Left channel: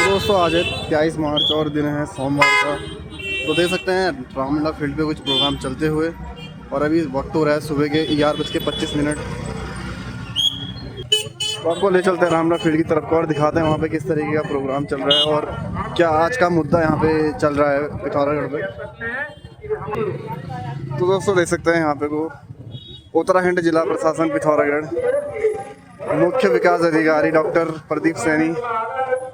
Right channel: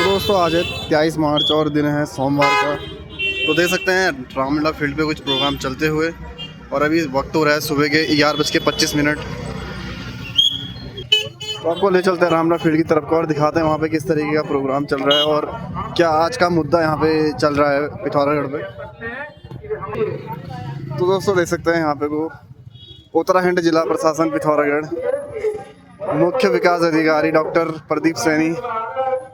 तो दोस्तों आज है 23 मार्च और दिन है सोमवार का। तो देख सकते हैं रामलीला फील्ड पे कुछ प्रोग्राम चलते हुए और अभी वक्त हो रहा है सुबह के 11:25। तो आपको ले चलते हैं रामलीला फील्ड की तरफ को और दिखाते हैं वहाँ पे किस तरीके का प्रोग्राम चल रहा है और क्या आज का मुद्दा यहाँ पे चल रहा है पिथौरागढ़ पे। तो दोस्तों देख सकते हैं यहाँ पे को उत्तराखंड जिला प्रशासन पिथौरागढ़, मुख्य विकास अधिकारी डॉक्टर प्रदीप सैनी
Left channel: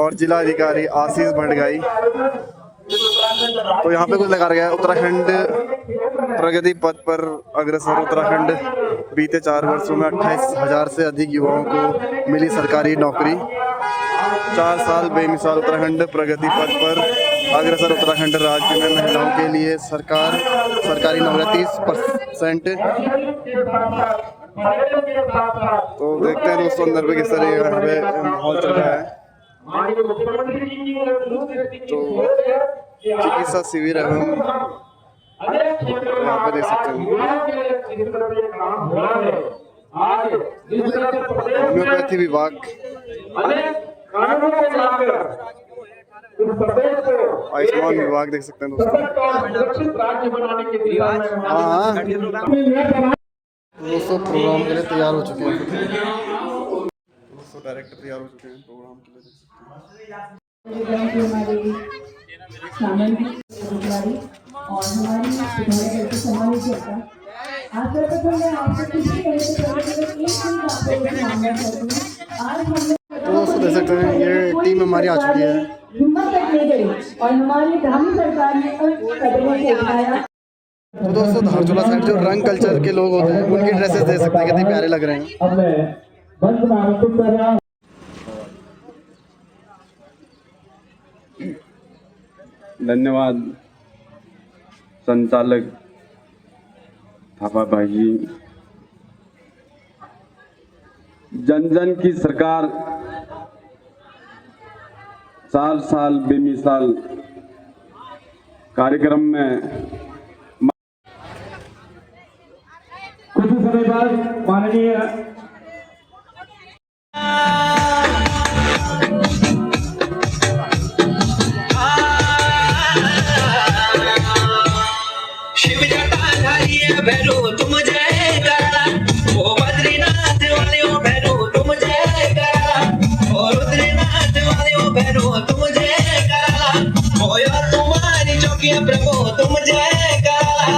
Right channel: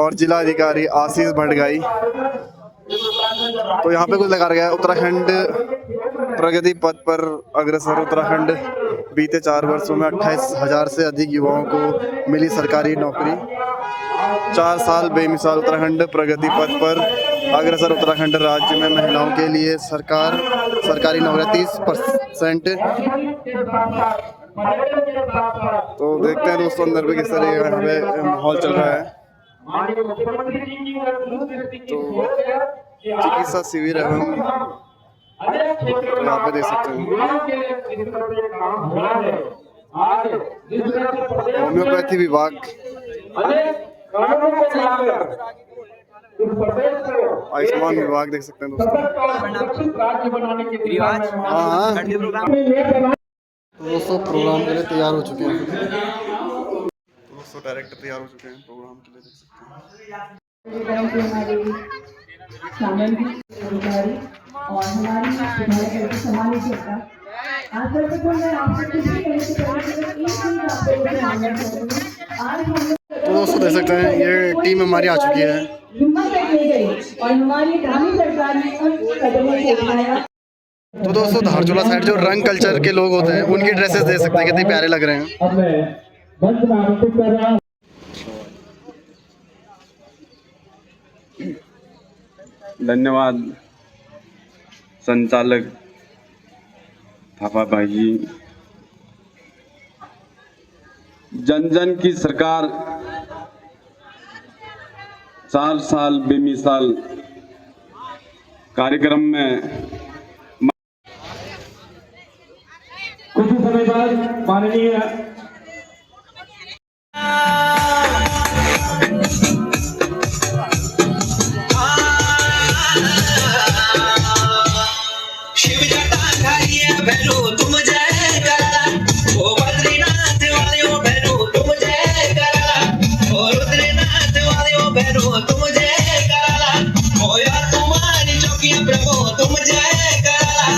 और जिला अधिकारी आशीष भटगाई। तो यहाँ पे कुछ लगा गया है, उत्तराखंड प्रगति पथ पर अग्रसर। उत्तराखंड बीते 4 वर्षों में 28,000 से अधिक युवाओं को मिली सरकारी नौकरी। 4 साल बेमिसाल उत्तराखंड प्रगति पथ पर अग्रसर। उत्तराखंड राज्य में महिलाओं के लिए सरकारी नौकरी 30%। तो देखते हैं दोस्तों अंदर पे किस तरह का यहाँ पे माहौल चल रहा है। तो चिकित्सा शिविर एवं तो यहाँ पे देख सकते हैं होम्योपैथी विभाग, आयुष्मान विभाग देख सकते हैं दोस्तों। हाँ दोस्तों प्रोग्राम के लिए तैयार हो चुके हैं। दोस्तों डायरेक्टर तैयार हो चुके हैं प्रोग्राम के लिए, देख सकते हैं। और हमारी समाज जनता आज सर्वप्रथम मैं आपसे किसी तरह से तो दोस्तों देख सकते हैं ये टीम हमारी आ चुकी है। हिम्मत रखनी गई और हमारी ग्रामीण सरकार ने कदमों को उठाया। तो दोस्तों धारचूला साइड जो रंग कल्चर के लोग होते हैं उनकी ड्रेसेस देख सकते हैं कितने प्यारे लग रहे हैं। धन्यवाद संचालक थापा भाई जी। जन जन की सरकार 4 साल बेमिसाल कार्यक्रम में कुछ समय बाद माननीय भैरो तुम जय करा, ओ बद्रीनाथ वाले ओ भैरो तुम जय करा, ओ रुद्रनाथ वाले ओ भैरो तुम जय करा, ओ यार तुम्हारी चौकियां प्रभु तुम जय करा,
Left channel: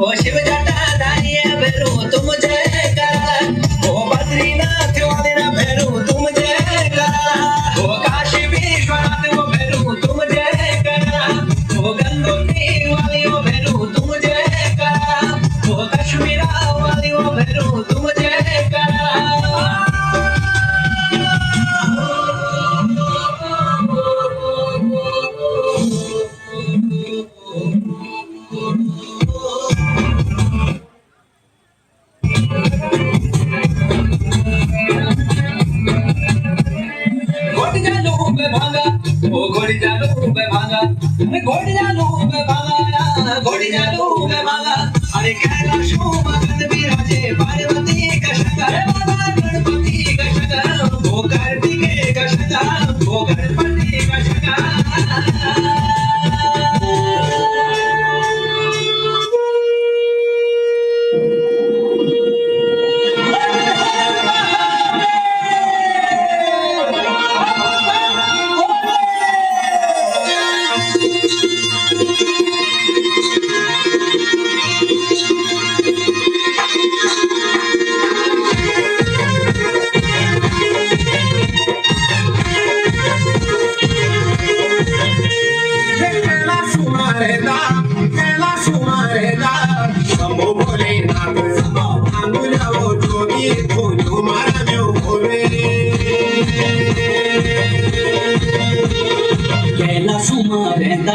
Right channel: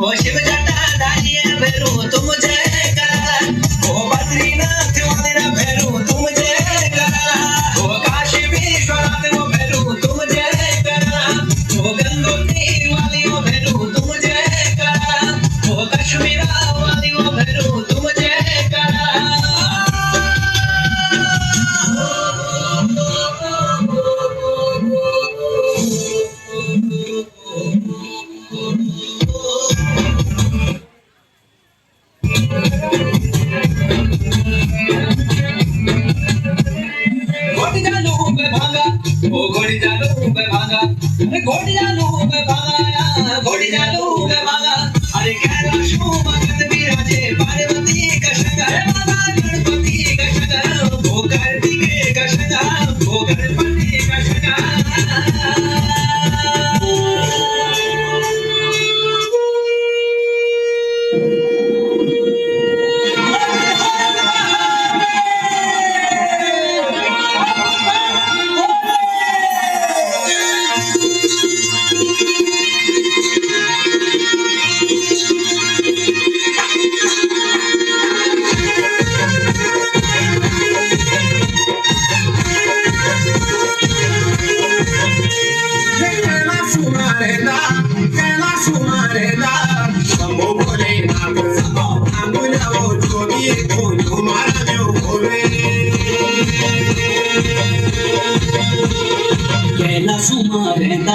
ओ शिव जटाधारी भैरो तुम जय करा, ओ बद्रीनाथ वाले भैरो तुम जय करा, ओ काशी विश्वनाथ ओ भैरो तुम जय करा, ओ गंगोत्री वाले ओ भैरो तुम जय करा, ओ कश्मीरा वाली ओ भैरो तुम जय करा। घोड़ी जालू पे भागा, ओ घोड़ी जालू पे भागा, अरे घोड़ी जालू पे भागा, घोड़ी जालू पे भागा, अरे कैलाशों भगत विराजे पार्वती का शंकर, बाबा गणपति का शंकर, वो कार्तिकेय का शंकर, वो गणपति का शंकर।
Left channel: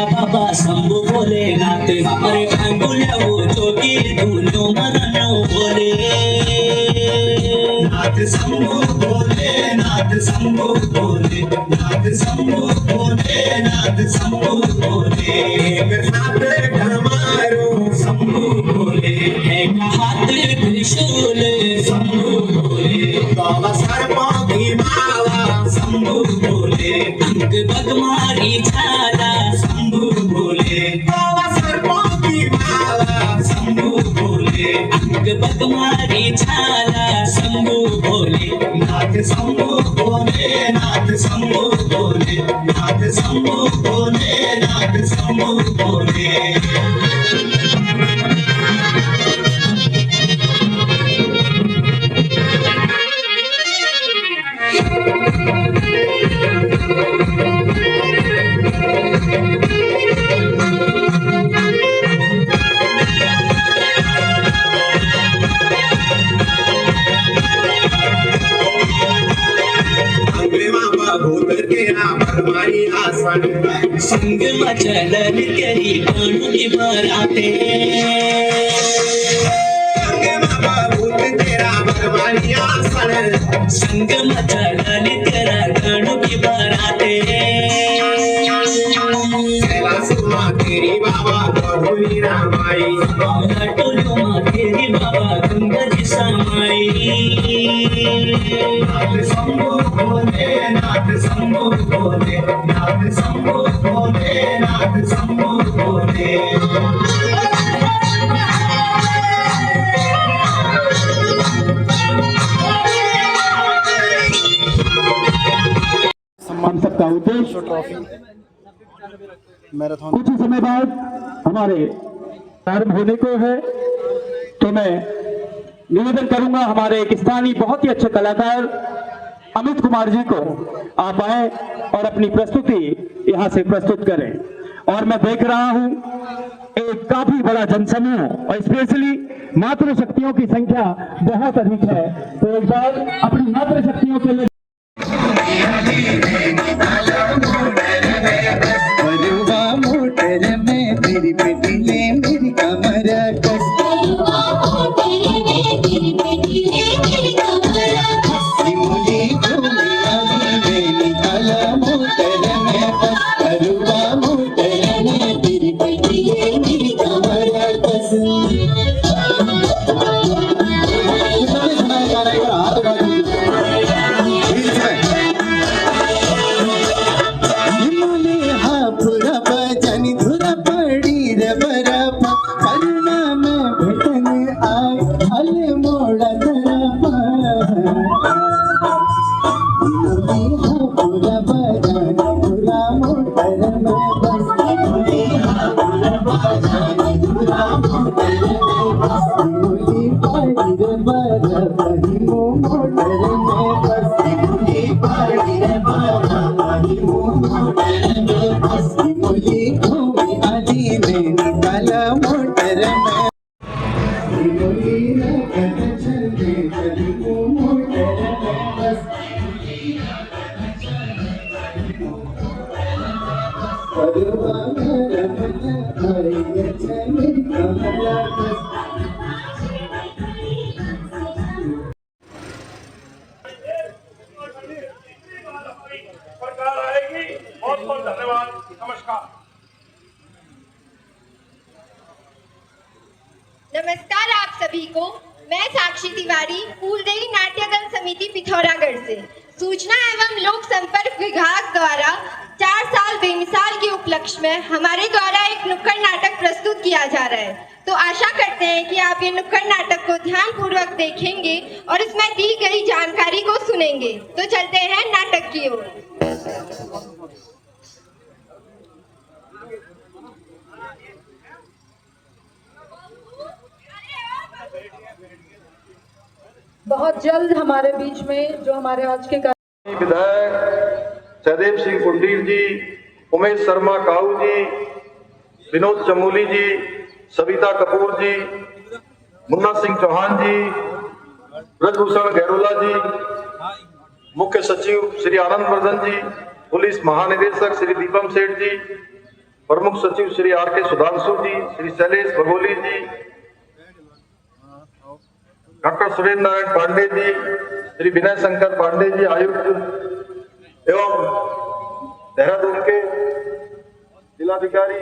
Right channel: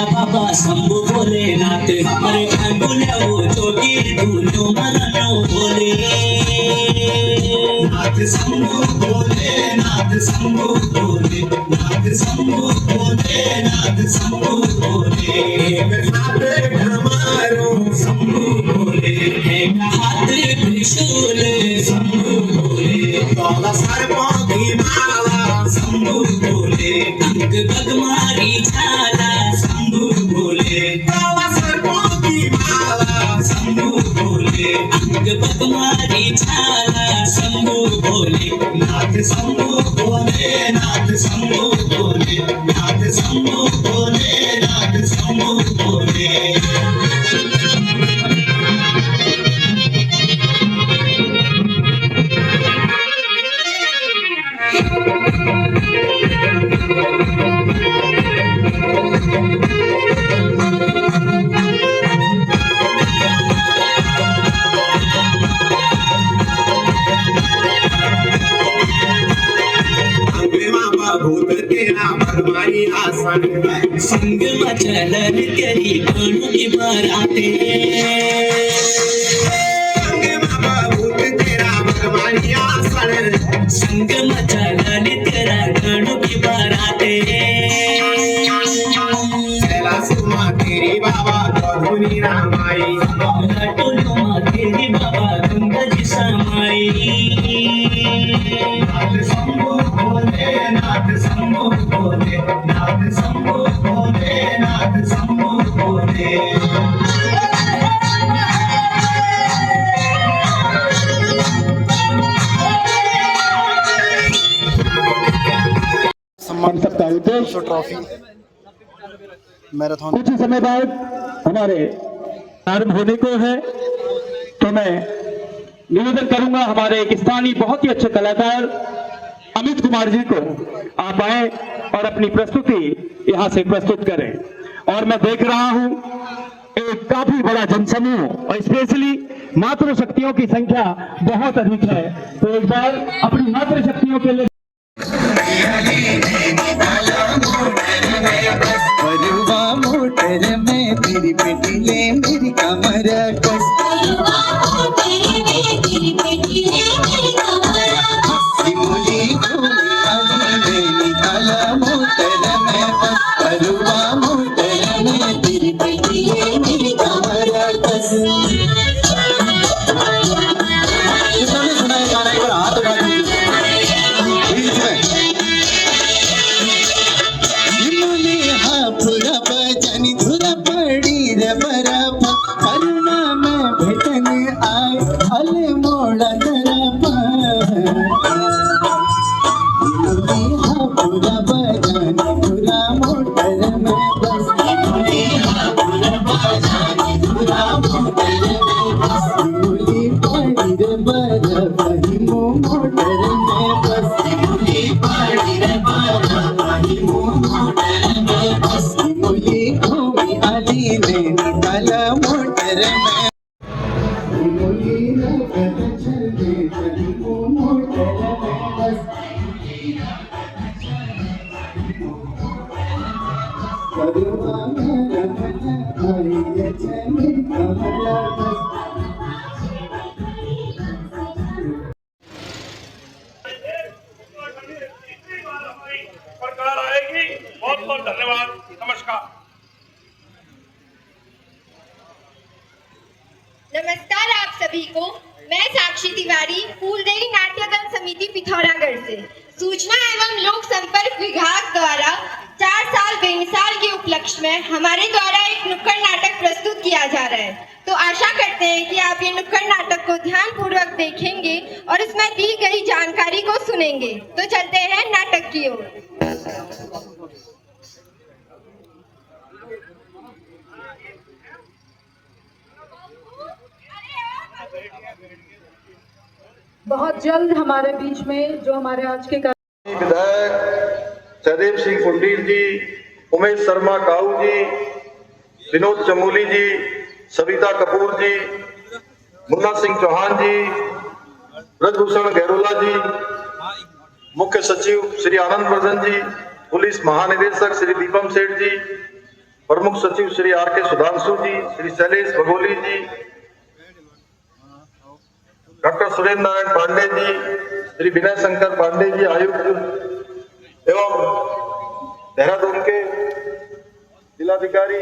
बाबा शंभु भोलेनाथ हमारे भांगुल्या वो जोगी धुनो मदनो बोले नाथ शंभु भोले, नाथ शंभु भोले, नाथ शंभु भोले, नाथ शंभु भोले, एक साथ धर्मारो शंभु भोले, एक हाथ त्रिशूल शंभु भोले, बाबा सर्पों की माला शंभु भोले, बगमारी झाला शंभू भोले शंभू भोले अंग बगमारी झाला शंभू भोले नाथ शंभू भोले नाथ शंभू भोले नाथ शंभू भोले नाथ शंभू भोले संग मचलन करी कानू की बराते संग मचलन तेरा कानू की बराते तेरी बाबा गौरी रामाई टोलू तेरी बाबा गंगा जी समाई नाथ शंभू भोले नाथ शंभू भोले नाथ शंभू भोले नाथ शंभू भोले सम्मान सबका उद्देश्य ट्रॉफी मैराथन कुछ ही समय बाद हमारे प्रारंभ होने को है, तो मैं निवेदन करूंगा हमारे एक स्थानीय बहुत ही अच्छे कलाकार अमित कुमार जी को आप आए और अपनी प्रस्तुति यहां से प्रस्तुत करें। और मैं देख रहा हूं एक काफी बड़ा जनसमूह और स्पेशली मातृ शक्तियों की संख्या बहुत अधिक है, तो एक बार अपनी मातृ शक्तियों के लिए मेरी बेटी ले मेरी कमर कस सिमुली घूमे आली में निकाला मोटर में बस करुआ मोटर में मेरी बेटी ले मेरी कमर कस किसने सुना है गाना? एक बार हाथ उठा दीजिए। हापुरा बजानी धुरा पड़ी रे बराबा करुणा में भेटन आए हल मोड़ा धराबा हापुरा बजानी धुरा मोटर में बस हापुरा बजानी धुरा मोटर में बस मुली पड़ी रे बराबा हिमो मोटर में बस मुली पड़ी रे बराबा हिमो मोटर में बस मुली घूमी आली में निकाला मोटर में मुली नगद चलते चली वो मोटर में बस करुआ मेरा भजन भाई ये चली कमला बस सरकार आएगी। बहुत बहुत धन्यवाद। नमस्कार। नमस्कार आप सभी को। मैं साक्षी तिवारी फूलदेई नाट्यदल समिति पिथौरागढ़ से सूचना एवं लोक संपर्क विभाग द्वारा 4 साल बेमिसाल के उपलक्ष्य में हमारे द्वारा एक नुक्कड़ नाटक प्रस्तुत किया जा रहा है। तो आशा करते हैं कि आप ये नुक्कड़ नाटक को ध्यानपूर्वक देखेंगे और इसमें दी गई जानकारी को सुनेंगे। तो चलते हैं नाटक की ओर। बहुत जल्द हमारे बीच में जो हमारे आज के विधायक सहदेव सिंह कुंडीर जी, उमेश शर्मा काऊ जी, विनोद चमोली जी, सविता कपूर जी, मुन्ना सिंह चौहान जी, ब्रजभूषण गहरोला जी, मुख्य सचिव श्री आनंद वर्धन जी, पुलिस महानिदेशक श्री दीपम सेठ जी, प्रमुख सचिव श्री आर के सुधांशु जी, श्री शैलेश भगोली जी, डॉक्टर सुरेंद्र नारायण पांडे जी, श्री विनय शंकर पांडे जी आयुक्त एवं देहरादून के जिलाधिकारी,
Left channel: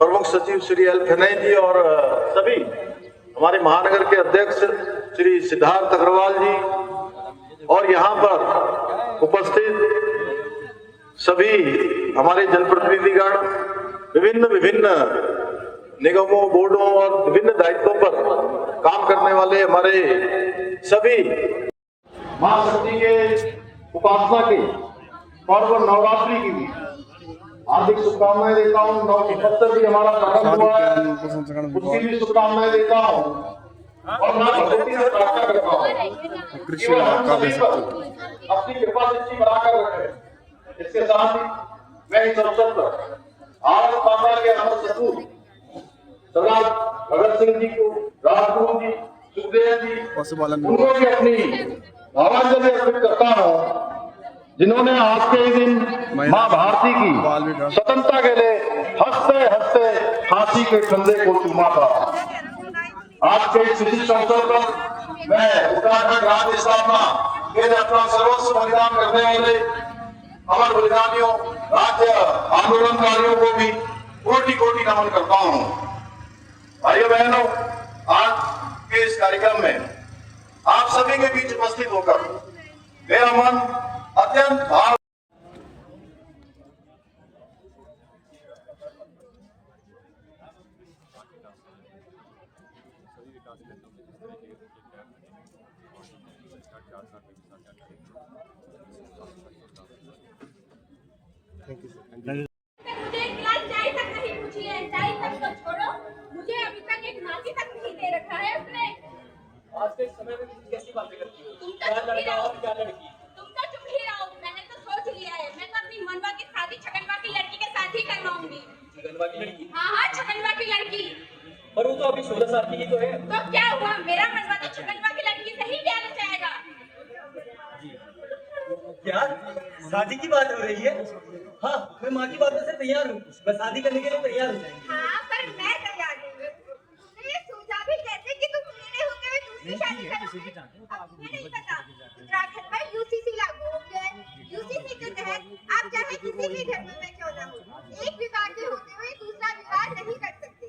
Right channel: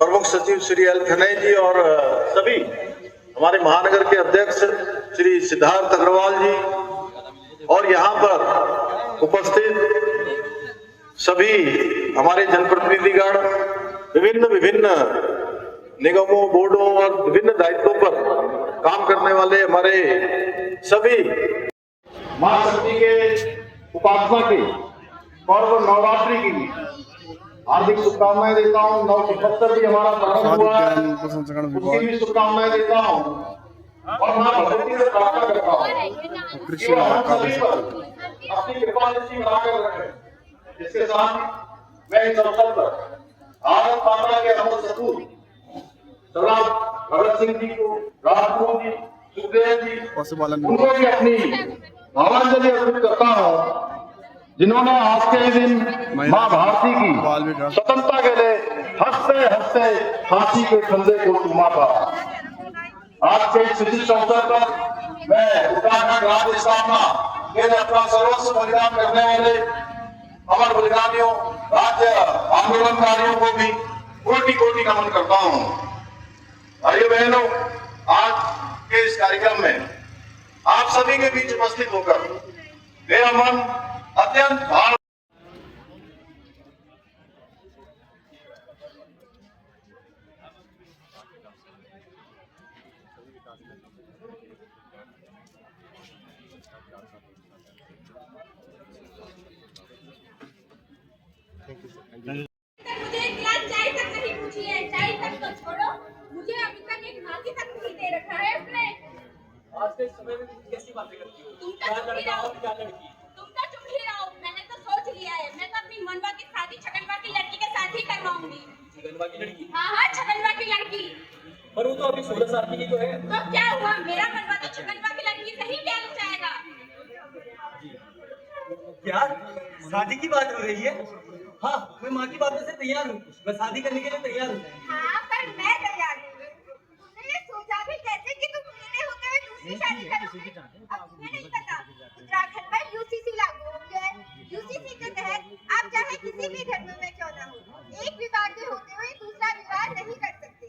प्रमुख सचिव श्री एल खनई जी और सभी हमारे महानगर के अध्यक्ष श्री सिद्धार्थ अग्रवाल जी और यहाँ पर उपस्थित सभी हमारे जनप्रतिनिधिगण विभिन्न विभिन्न निगमों, बोर्डों और विभिन्न दायित्वों पर काम करने वाले हमारे सभी मां शक्ति के उपासना के पर्व नवरात्रि की हार्दिक शुभकामनाएं देता हूँ। 975 भी हमारा प्रारंभ हुआ है, उसकी भी शुभकामनाएं देता हूँ और मैं भगवती से प्रार्थना करता हूँ कृषि विभाग का भी अपनी कृपा दृष्टि बनाकर रखे। इसके साथ ही मैं इस अवसर पर भारत माता के अमर सपूत सरदार भगत सिंह जी को, राजगुरु जी, सुखदेव जी, पशुपालन उनको भी अपनी भावांजलि अर्पित करता हूँ, जिन्होंने आज के दिन माँ भारती की स्वतंत्रता के लिए हंसते हंसते फांसी के फंदे को चूमा था। आज के इस विशिष्ट अवसर पर मैं उत्तराखंड राज्य स्थापना के लिए अपना सर्वस्व बलिदान करने वाले अमर बलिदानियों, राज्य आंदोलनकारियों को भी कोटि कोटि नमन करता हूँ। भाइयों बहनों, आज के इस कार्यक्रम में आप सभी के बीच उपस्थित होकर मेरा मन अत्यंत भाव मुझे एक गिलास चाय तक नहीं पूछी है। चाय तक तो छोड़ो, मुझे अभी तक एक नाती तक नहीं दे रखा है उसने। आज के समय में कैसी बातें करती हो? तुम तो चुप ही रहो। मैंने तो सोच लिया है, मैं तो अपनी मनवा की शादी छगनवा की लड़की के साथ ही करवाऊंगी। छगनवा की लड़की? हाँ, छगनवा की लड़की। पर वो तो अभी 16 साल की तो है। तो क्या हुआ, मेरा मनवा तो छगनवा की लड़की से ही ब्याह जाएगा। क्या शादी की बात हो रही है? हाँ, मैं माँ की बातों से तैयार हूँ, मैं शादी करने के लिए तैयार हूँ। हाँ, पर मैं तैयार हूँ। तुमने ये सोचा भी कैसे कि तुम मेरे होते हुए दूसरी शादी करोगे? अब मुझे नहीं पता। उत्तराखंड में यूसीसी लागू हो गया है। यूसीसी के तहत आप चाहे किसी भी धर्म में क्यों ना हो, एक विवाह के होते हुए दूसरा विवाह नहीं कर सकते।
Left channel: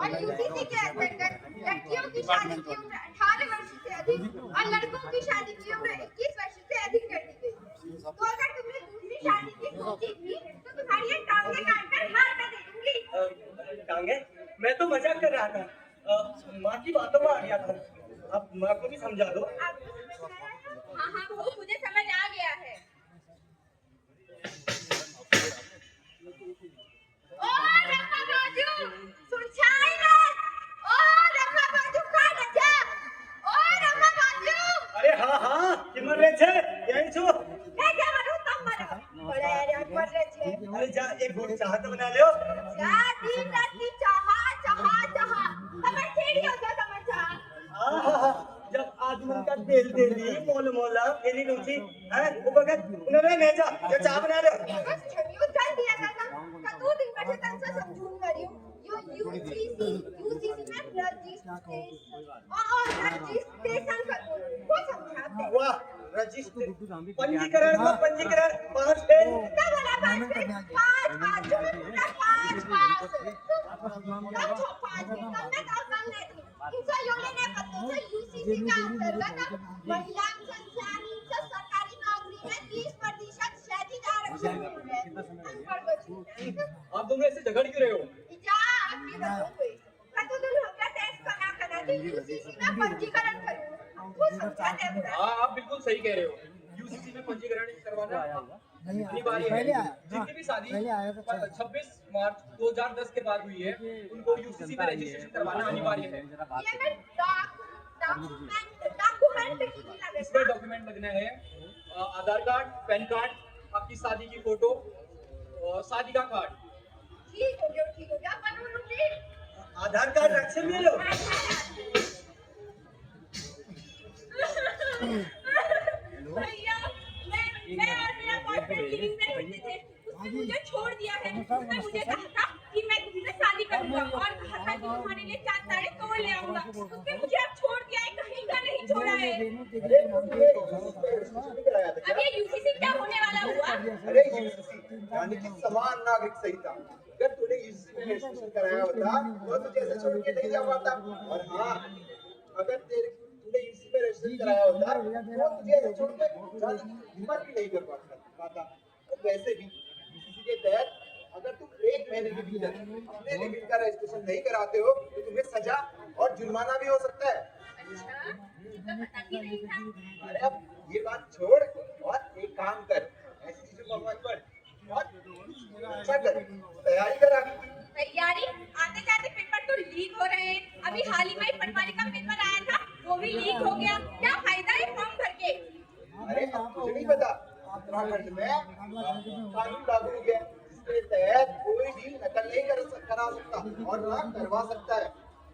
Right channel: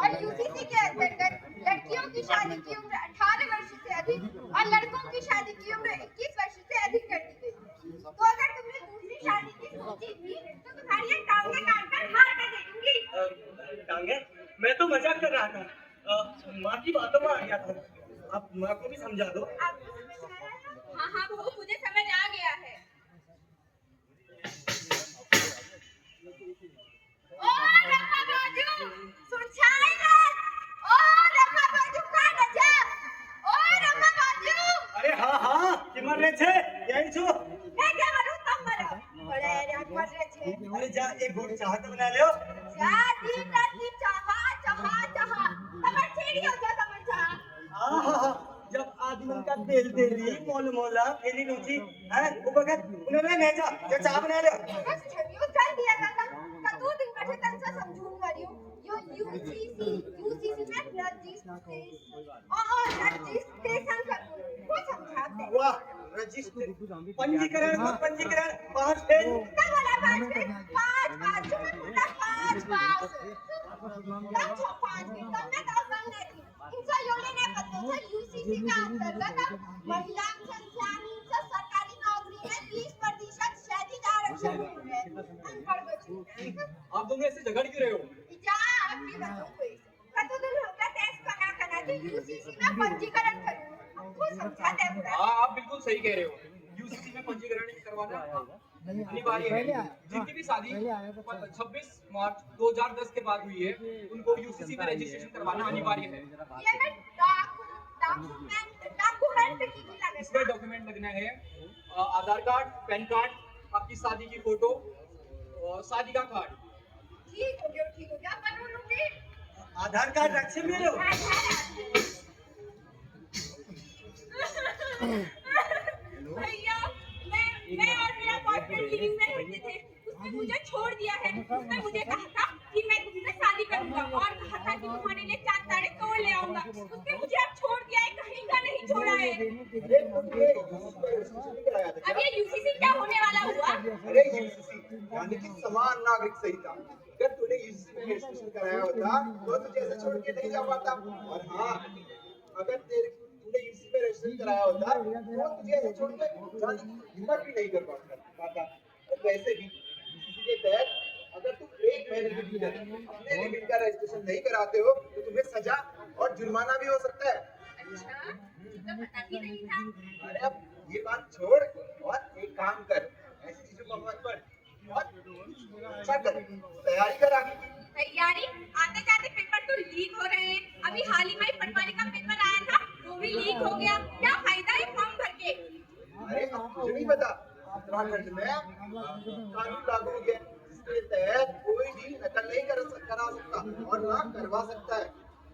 और यूसीसी के अंतर्गत लड़कियों की शादी की उम्र 18 वर्ष से अधिक और लड़कों की शादी की उम्र 21 वर्ष से अधिक कर दी गई। तो अगर तुमने दूसरी शादी की सोची थी तो तुम्हारी ये टांगे काट कर मार कर दे दूंगी। टांगे? मैं तो मजाक कर रहा था, माँ की बातों में आ गया था। आप माँ को भी समझा दो। हाँ हाँ, वो मुझे समझ आ गया है। ओ रम्मा बाजू, सुरछाई ना। ओ रम्मा बाजू का गजब। ओ रम्मा बाजू। अरे हाँ हाँ, किमर रे छे, यही छो। मैं क्या करूँ, तुम मरो। बड़े यार मर रहे थे। अरे जा एक घूट चाह तो बना ले। जा दिन रात की चाहा चाहा चाहा। समझ छेड़ी हो जा, समझ चाहा। हाँ हाँ हाँ, जब आदमी का तेल तेली मोल मोला फेरी रुचि है वो बगत उन्होंने नहीं जा जो चाह बना ले। बस छड़ियों चल दिया था का 2 दिन बैठे तन से समझून मरियो यो यूसीसी में रजिस्ट्रेशन कर वो समझाते। वाह, रजिस्ट्रेशन पंजीकरण को पंजीकरण 5 फेज का वाला 5 फेज 5 तुमने का कर ले इनसे यो लेने पड़ते थे। यूसीसी का अंतर्गत महिला संस्थान से सरकारी नौकरी में 30% क्षैतिज आरक्षण मिल रहे हैं। आप दोनों ऐसे झगड़ क्यों रहे हो? जा अपनी बच्चों को कतुदुल होकर टेस्ट करा के यूसीसी में पंजीकरण करो। वो समझाते हैं। हाँ, आप बिल्कुल सही कह रहे हो। यूसीसी में पंजीकरण करवाना अनिवार्य है। जिनकी भी शादी 26 मार्च 2010 के बाद हुई है, उनको यूसीसी में रजिस्ट्रेशन करवाना अनिवार्य है। इसमें डॉक्यूमेंट लगना है आधार कार्ड, पैन कार्ड, आपकी शादी की फोटो और शादी का कार्ड। ठीक हो गया बनू लूंगी। आधार कार्ड रखे मेरे। भैया, मैं और मेरा बॉयफ्रेंड लिविंग में रहते थे। उसने मुझे छोड़ दिया है। उसने मुझे कहा था कि मैं तुमसे शादी करूंगा और कहा था कि तुम्हारे लिए 4 तारे तोड़ ले आऊंगा। उसने मुझे अब छोड़ दिया है, कहीं का नहीं छोड़ा है। अब ये यूसीसी क्या होने वाला हुआ? अरे यूसीसी यानी कि समान नागरिक संहिता। अगर तूने यूसीसी में रजिस्ट्रेशन कराया होता तो तुझे ऐसे छोड़ के नहीं जा पाता। और हाँ, अगर तूने यूसीसी में रजिस्ट्रेशन कराया होता तो तुझे ऐसे छोड़ के जाने की हिम्मत भी नहीं कर पाता। तो वैसे भी कैंडिडेट लीडर अपने लिमिट का रजिस्ट्रेशन नहीं कराते हो तो तुम्हें सजा और जुर्माना भी हो सकता है। अरे अब ये बात छोड़ और एक काम कर, ऐसी चीजों को मत पढ़ और अच्छा कर, तैयारी कर आगे। तैयारी आते जाते पेपर तो लीक हो रहे हैं। अभी हाल ही में पटवारी का पेपर आया था, वो भी लीक हो गया। क्या फायदा है फॉर्म भर के? अरे अब तुझे नहीं पता, उत्तराखंड में कानून लागू हो गया जिसके तहत कोई भी नकल नहीं करा सकता और ना करवा सकता है।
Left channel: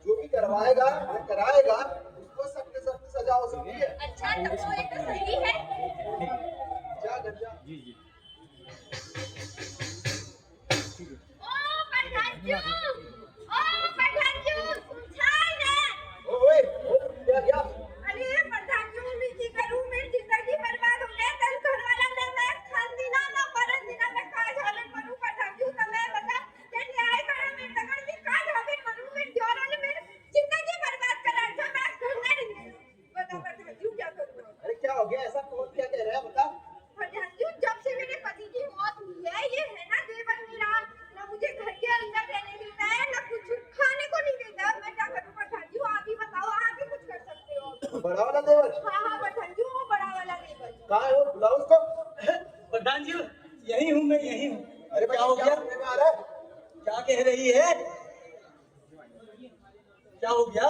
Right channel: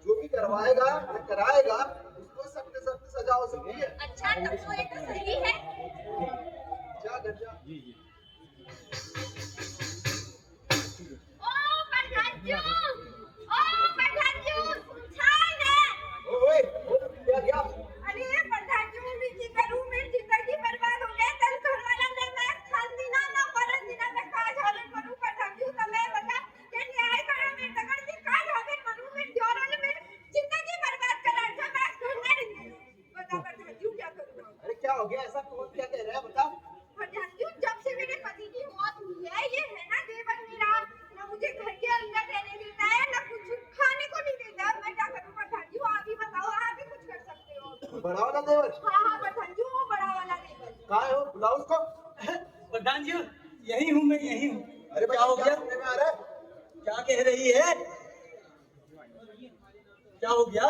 जो भी करवाएगा या कराएगा उसको सख्त से सख्त सजा हो सकती है। अच्छा, तो वो ये तो सही है। जा घर जा। ओ प्रधानजू, छान है। ओए क्या क्या? अरे प्रधानजू, मैं की करूं, मेरी जिंदगी बर्बाद हो गई। तन घर वाला ने मैं खानदीना ना परंदीना में का झाले करूं। प्रधानजू समय बता के न्याय करा, मैं तगड़ के का झाले करूं। मैं जोरा ने मेरी जिंदगी बर्बाद करा था। मैं सुनने नहीं। बता प्रधानजू क्या करूं? अरे क्या हो गया ऐसा? कौन क्या कह रहा है बता। प्रधानजू, जब से मेरे पति की मौत हुई है, ये है ना देवर मेरा, ना मुझे घर के अंदर रहने देता है, ना कुछ खाने को नहीं देता। मैं क्या करूं प्रधानजू? आप ही बताओ, आप ही कुछ कर सकते हो। बड़ा वाला देवर? हाँ प्रधानजू, वो बड़ा वाला देवर। कहाँ है वो? बुलाओ उसको। प्रधान जी यही हूँ, मैं यही हूँ। अरे क्या हो गया? में आ रहा है? क्या कह रही है? क्या हो गया?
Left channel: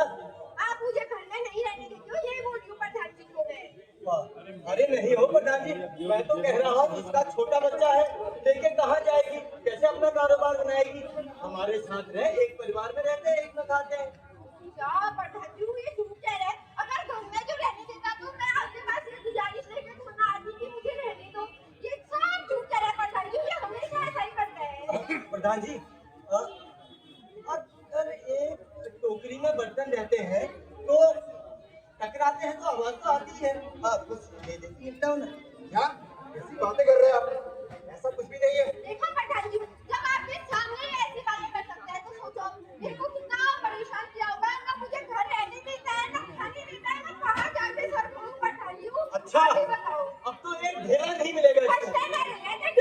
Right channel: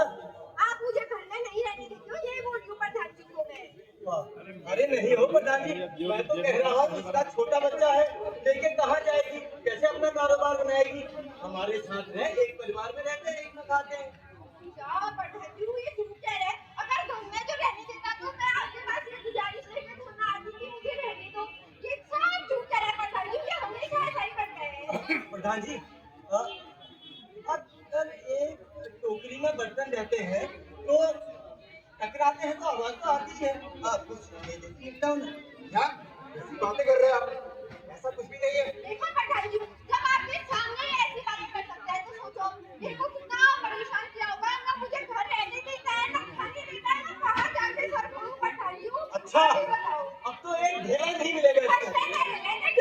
आप मुझे घर में नहीं रहने देते हो, ये बोल रही हूँ प्रधान जी को मैं। अरे नहीं हो प्रधान जी, मैं तो कह रहा हूँ उसका छोटा बच्चा है, लेके कहाँ जाएगी, कैसे अपना कारोबार बनाएगी? हमारे साथ रहे, एक परिवार में रहते हैं, एक में खाते हैं। क्या प्रधान जी, ये झूठ कह रहे हैं? अगर घर में जो रहने देता तो मैं आपके पास ये गुजारिश लेके फोन आती कि मुझे रहने दो। ये सब झूठ कह रहे हैं प्रधान जी, ये हमेशा ऐसा ही करते हैं। प्रधान जी अगर एक टोकरी में बर्तन रहते हैं तो टकराते हैं तो आवाज तो आती है। कुछ दे देती है ना। क्या ऐसी बातें कर रहे हैं आप? ऐसा कुछ भी नहीं है। देखो प्रधान जी, जब आपके सामने ऐसी बातें कर सकते हैं तो सोचो मेरे को कितना परेशान किया होगा। ना मुझे घर रहने देता है, ना खाने देता है, ना कहाँ जाके सर करूं प्रधान जी। अच्छा, अब तो एक ढेला नहीं मिलेगा इसका।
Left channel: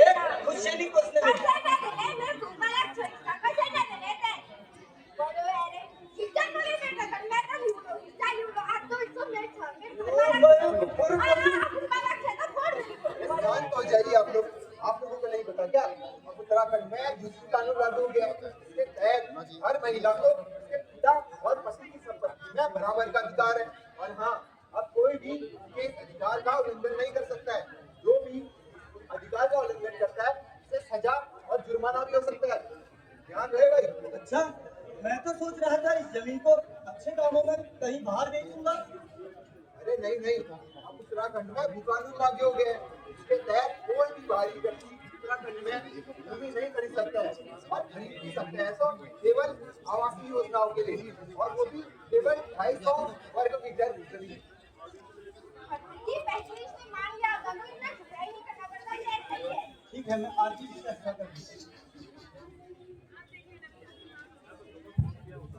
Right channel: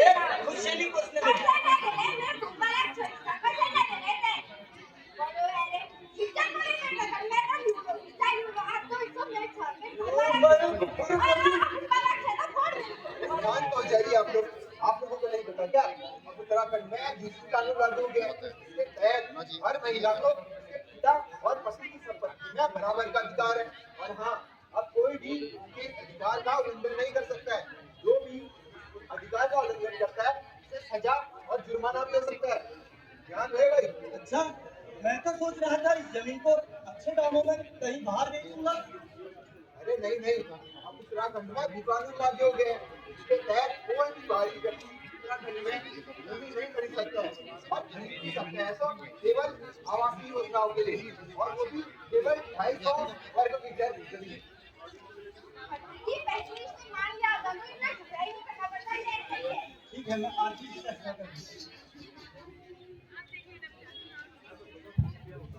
एक खुद से नहीं पोसने में। शांत हो जाइए आप लोग। आप लोगों को नहीं पता क्या? उत्तराखंड में दूसरी कानून लागू हो गया है। इसके तहत हर महिला को उसके पिता और पति की संपत्ति में बराबर का अधिकार है। और हाँ, अब कोई भी उसके अधिकार का उल्लंघन नहीं कर सकता है। जो भी अधिकार का उल्लंघन करता है उसे सजा और जुर्माना भी हो सकता है। ध्यान रहे भाई। अच्छा, मैं तो सोच रहा था इस जमीन को अच्छे दामों में कहीं बाहर बेच दूंगा। अरे नहीं नहीं, अब उत्तराखंड में भी कानून लागू हो गए हैं। इसके तहत कोई भी बाहरी व्यक्ति उत्तराखंड में जमीन नहीं खरीद सकता है और खरीद भी सकता है तो केवल आवासीय योजनाओं के लिए, और वो भी केवल 250 वर्ग मीटर जमीन। ठीक है, मैं आरती से फैसला करूंगा।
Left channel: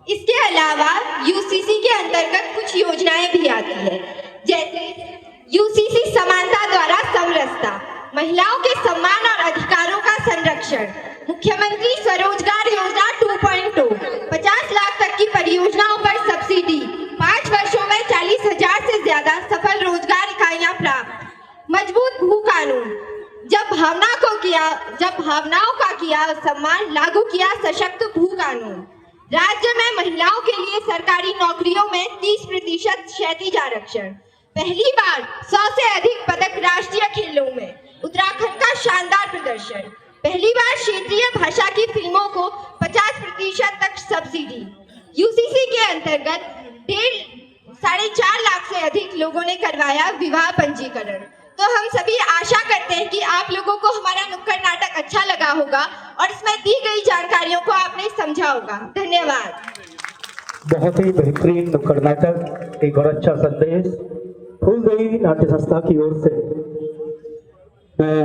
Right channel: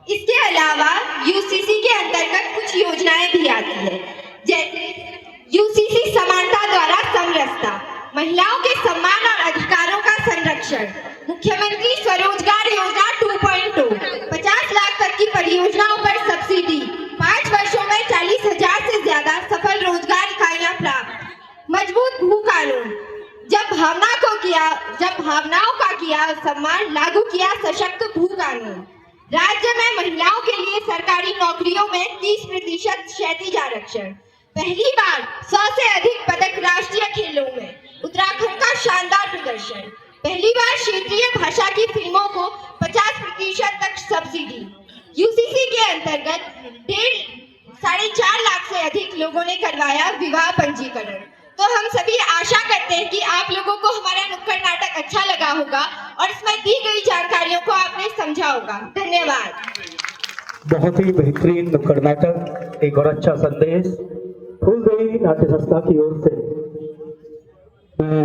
इसके अलावा यूसीसी के अंतर्गत कुछ योजनाएं भी आती है, जैसे यूसीसी समानता द्वारा समरसता, महिलाओं के सम्मान और अधिकारों का संरक्षण, मुख्यमंत्री स्वरोजगार योजना 2.2, 50 लाख तक की परियोजनाओं पर सब्सिडी, 5 वर्षों में 40,000 से ज्यादा सफल रोजगार इकाइयां प्राप्त, मजबूत भू कानून, जब भावनाओं का किया सम्मान, लागू किया सशक्त भू कानून, राज्य में महिलाओं के लिए सरकारी नौकरियों में 30% क्षैतिज आरक्षण, पहली बार 100 से अधिक पदक राष्ट्रीय खेलों में, उत्तराखंड का शानदार प्रदर्शन, पहली बार क्षेत्रीय भाषा की फिल्मों को 50% तक सब्सिडी। यूसीसी के अंतर्गत 4.5 लाख से अधिक लोगों ने करवाया विवाह पंजीकरण। तो हम सभी आशा करते हैं कि आप लोगों को हमारा नुक्कड़ नाटक अच्छा लगा होगा और इसमें दी गई जानकारियों को आपने समझा होगा। धन्यवाद। बहुत ही बेहतरीन नुक्कड़ नाटक, एक और अच्छा संदेश फूलदेवी नाट्य संस्था की ओर से। मैं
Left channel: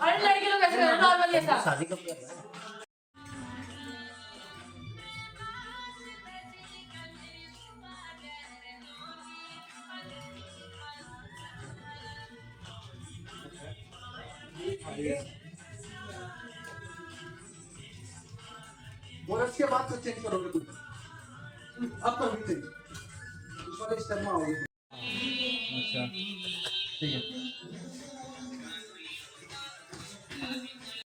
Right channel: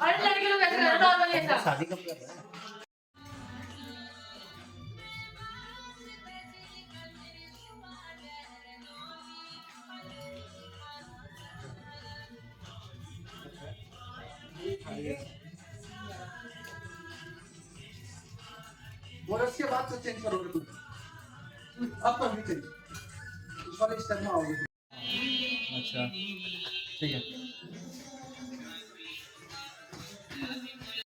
अरे लड़के लोग ऐसे नॉर्मल ऐसा बोनस के बाद तो चेंज करोगे तुम, अब तो नहीं चेंज, इस वाले स्टेप में आओगे। अच्छा ठीक है।